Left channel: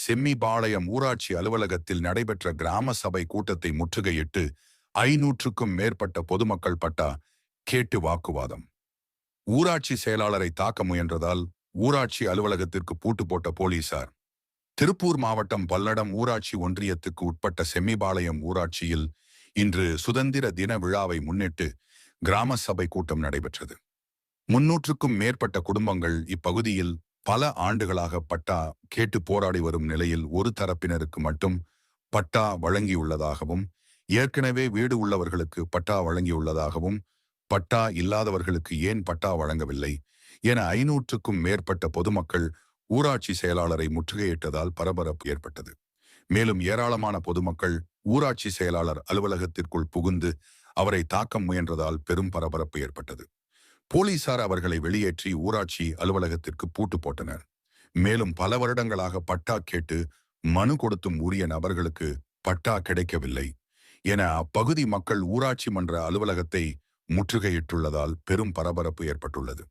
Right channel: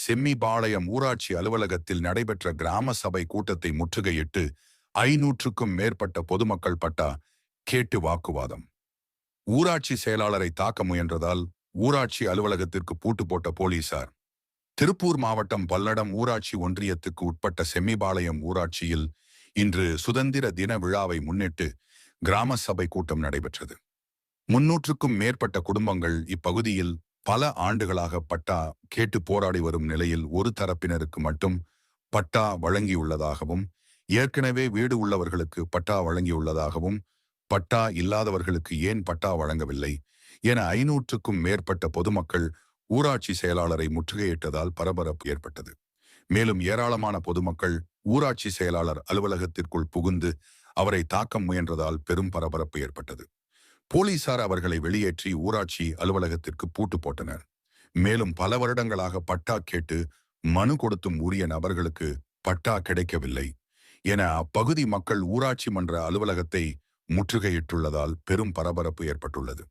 செம்மிபாளையம் ஊராட்சி அலுவலகத்தில் நடைபெற்ற கிராம சபை கூட்டத்தை முற்றுகையிட்டு 500க்கும் மேற்பட்ட பொதுமக்கள் பட்டா கேட்டு வாக்குவாதம். ஊராட்சி செயலாளரை தாக்க முயன்றதால் ஊராட்சி அலுவலகத்திற்கு பூட்டு போட்ட போலீசார். திருப்பூர் மாவட்டம் பல்லடம் ஊராட்சி ஒன்றியத்துக்கு உட்பட்ட செம்மிபாளையம் ஊராட்சியில் இன்று சுதந்திர தின விழாவை முன்னிட்டு கிராம சபை கூட்டம் நடைபெற்றது. 300க்கும் மேற்பட்ட குடும்பங்கள் இப்பகுதியில் பல ஆண்டுகளாக பட்டா கேட்டு போராடி வரும் நிலையில் ஒரு தரப்பினருக்கு மட்டும் பட்டா வழங்கியுள்ளதாகவும், ஏற்கனவே வீடு உள்ளவர்களுக்கு பட்டா வழங்கியுள்ளதாகவும், பட்டா இல்லாதவர்களுக்கு ஏன் பட்டா வழங்கவில்லை என 500க்கும் மேற்பட்ட பொதுமக்கள் ஊராட்சி செயலாளரை முற்றுகையிட்டதால் பரபரப்பு ஏற்பட்டது. மேலும் ஏராளமான பொதுமக்கள் ஊராட்சி செயலாளர் அலுவலகத்திற்குள் புகுந்து அவரை தாக்க முயன்றதால் பெரும் பரபரப்பு ஏற்பட்டது. போலீசார் அவர்களை வெளியேற்றி ஊராட்சி அலுவலகத்திற்கு பூட்டு போட்டனர். மேலும் பல வருடங்களாக பட்டா கேட்டு மனு கொடுத்தும் உரிய நபர்களுக்கு பட்டா கிடைக்கவில்லை என அப்பகுதி மக்கள் ஊராட்சி மன்ற அலுவலகத்தை முற்றுகையிட்டுள்ளதால் பெரும் பரபரப்பு ஏற்பட்டுள்ளது.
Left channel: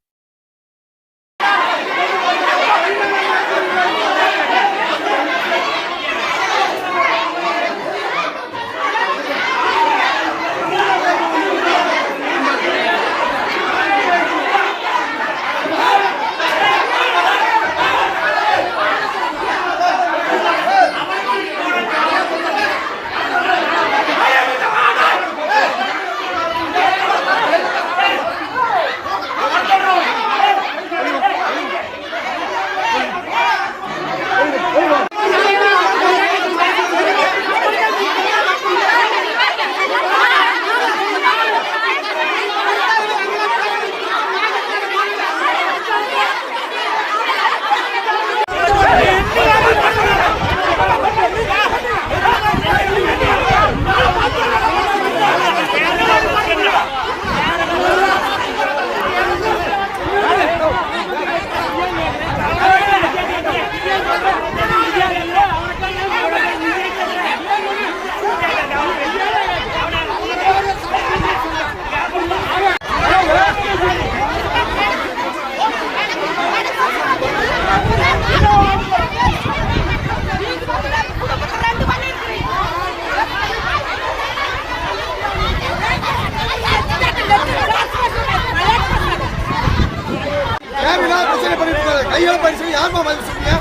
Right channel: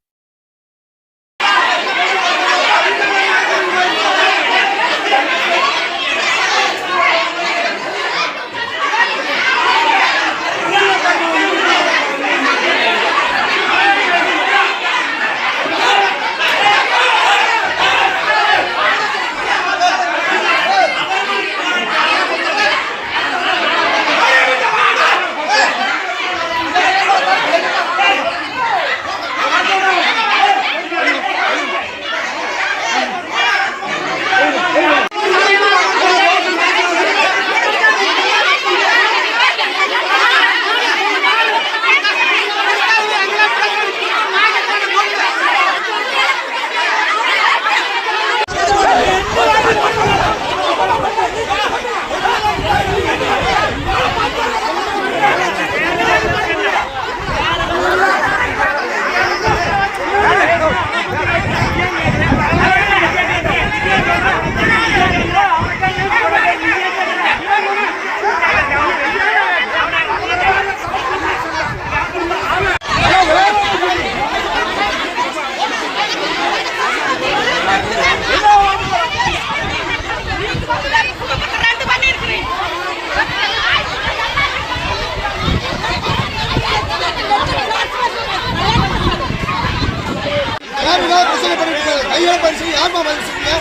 கையால பரிசு யாருமா பதில் சொல்லுங்க?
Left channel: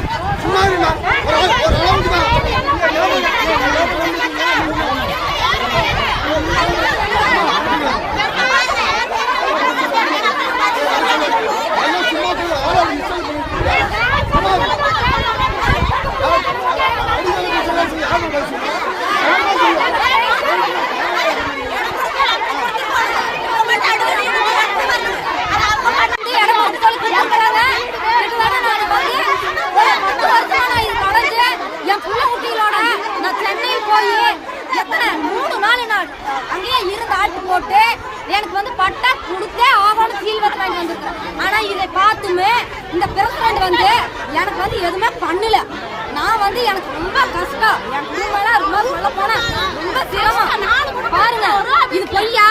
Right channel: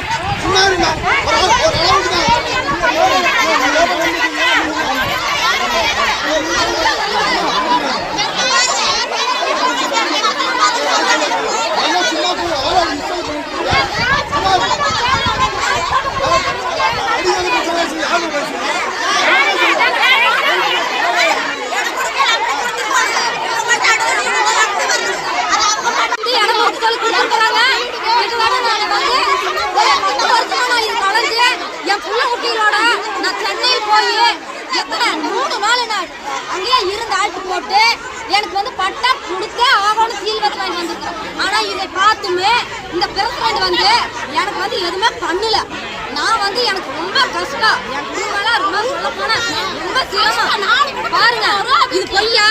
சும்மா ஒரு அளவுக்கு தான் அங்கேயே இருந்து ஆட்டு போட்டு எனக்கு வந்து பட்டா கொடுத்தே ஆகணும் சீல் வச்சு வாங்கி வந்திருக்கேன். ஆனா இதை பார்த்துமே இந்த பிரசிடண்ட் வந்து எனக்கு வந்து எதுவுமே பண்ணல. நான் வந்து எனக்கு ரொம்ப கஷ்டம், என் குடும்பம் ரொம்ப சொல்ல போனா ரொம்ப சிரமம். பாருங்க இது பொய்யா?